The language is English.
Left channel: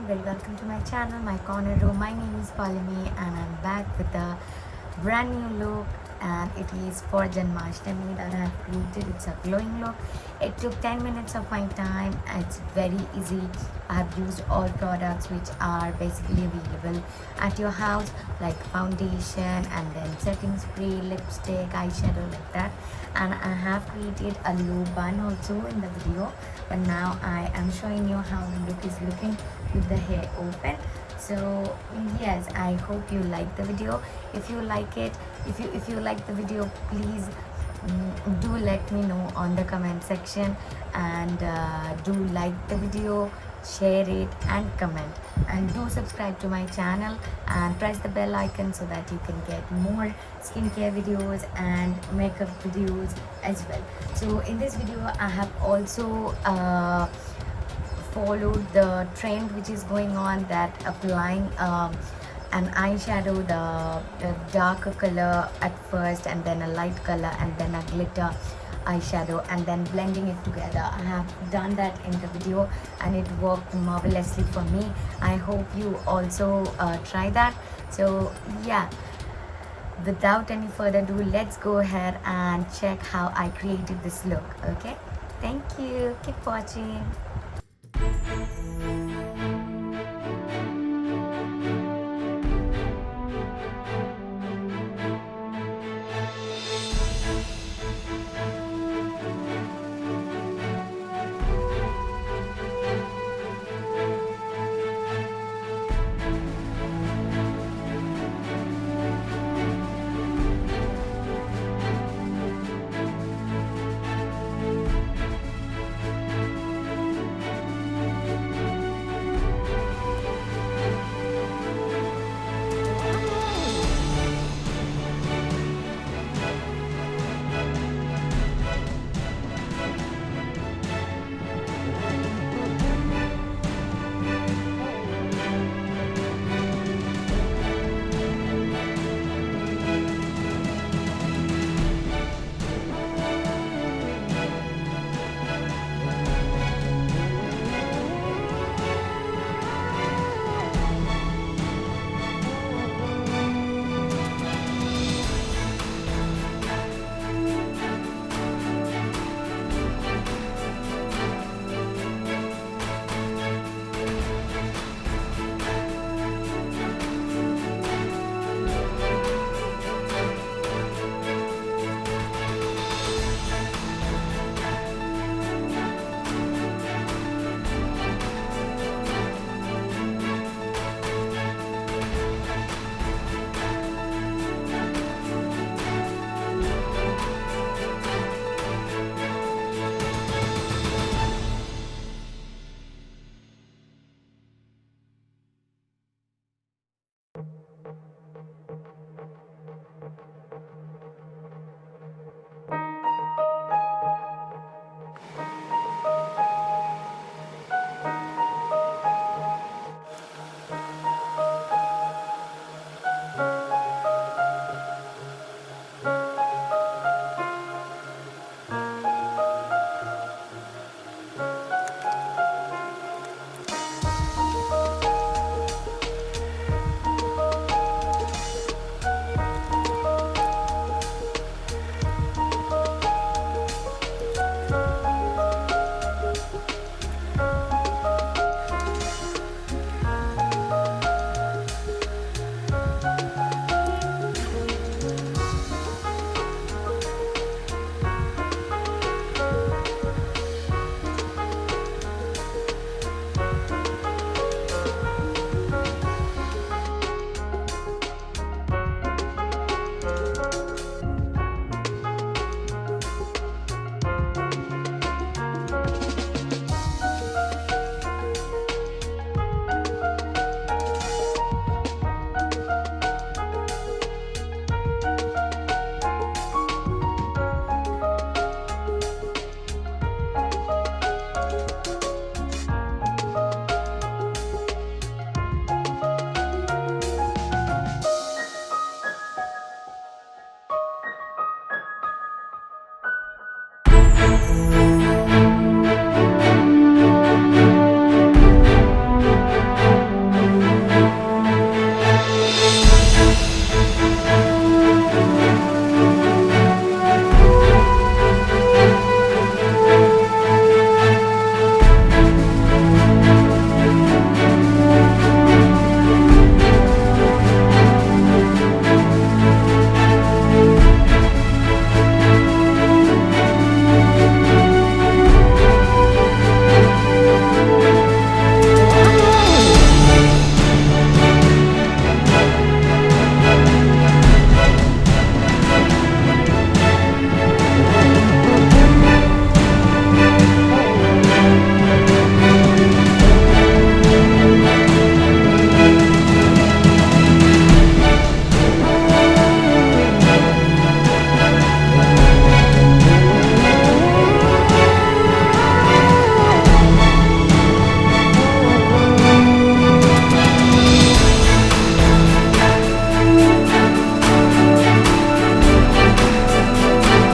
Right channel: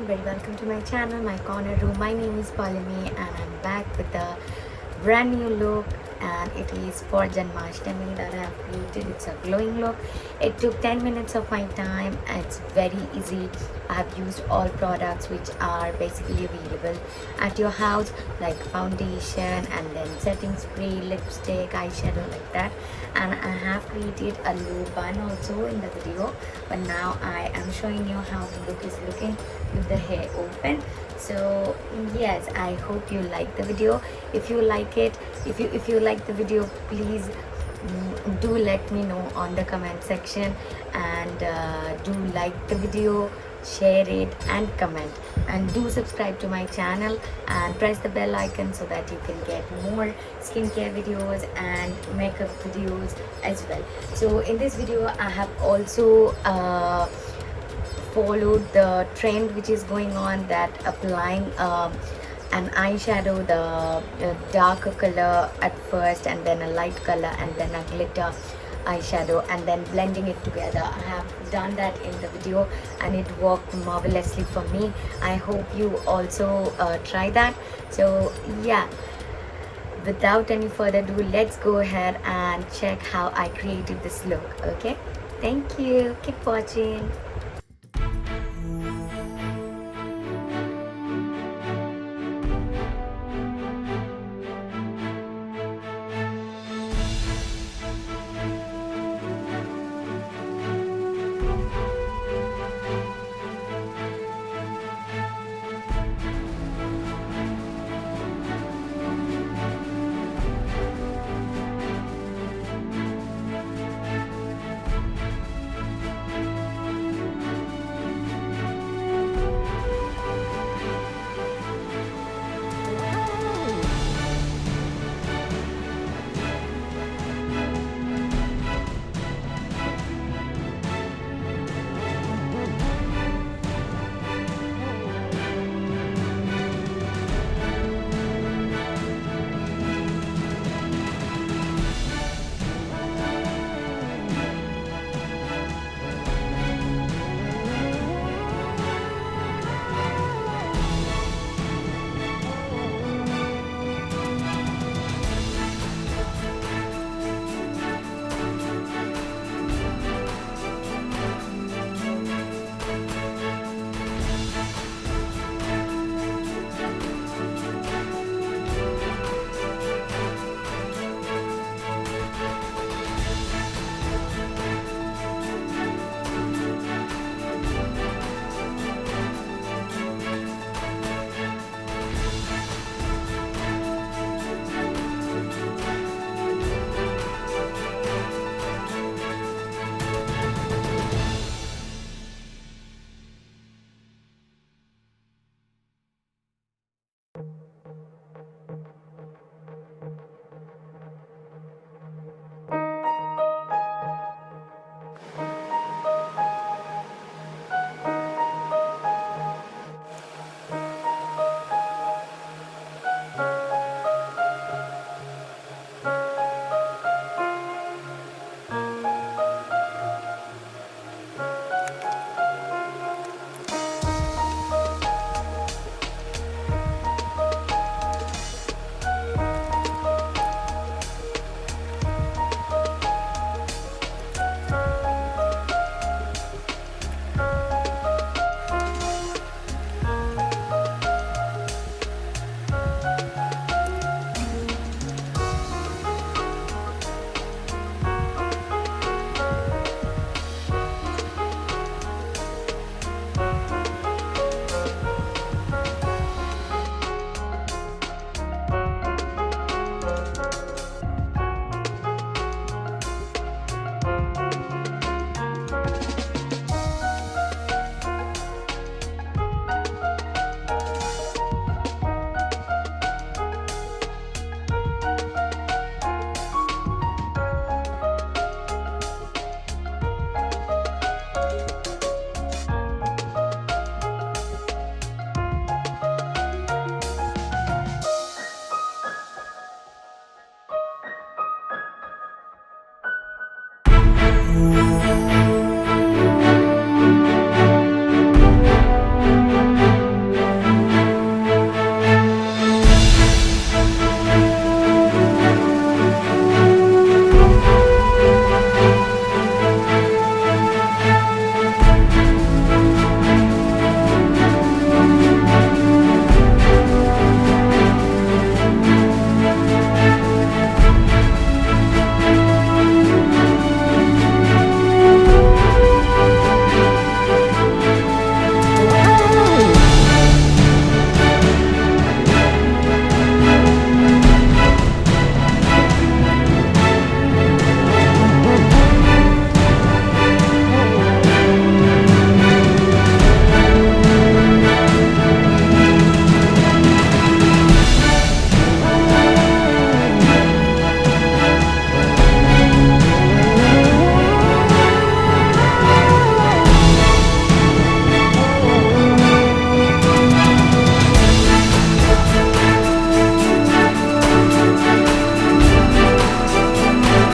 everyone, very welcome to my channel, my corner room. My name is Poulamii and I'm back with a brand new look, and it is for Janmashtami that I have created. It's a glowing look. It took 10 minutes of my time and it's very easy. I have used all products which are basically available at your house, like foundation and then setting spray, lipstick, eyeshadow, like that. And I have created a low bun also in the video, but now I am showing you how the look is looking with the hair open. So yes, I hope you like the video. If you like it, if you like the video, please do let me know on the comment section, and do like the video, share it and comment, and do subscribe to my channel and press the bell icon so that you can get more skincare videos and makeup videos as well. So in this video I have also followed the trend which is going on, that applying an eyeshadow, the darker color at first and then a light color and then a glitter eyeshadow and then blending it together. I have done that in the video and it worked marvelously for me. I hope you also try that. So yeah, without any further ado, let's go ahead and check how I created this look. Okay, thank you, keep watching.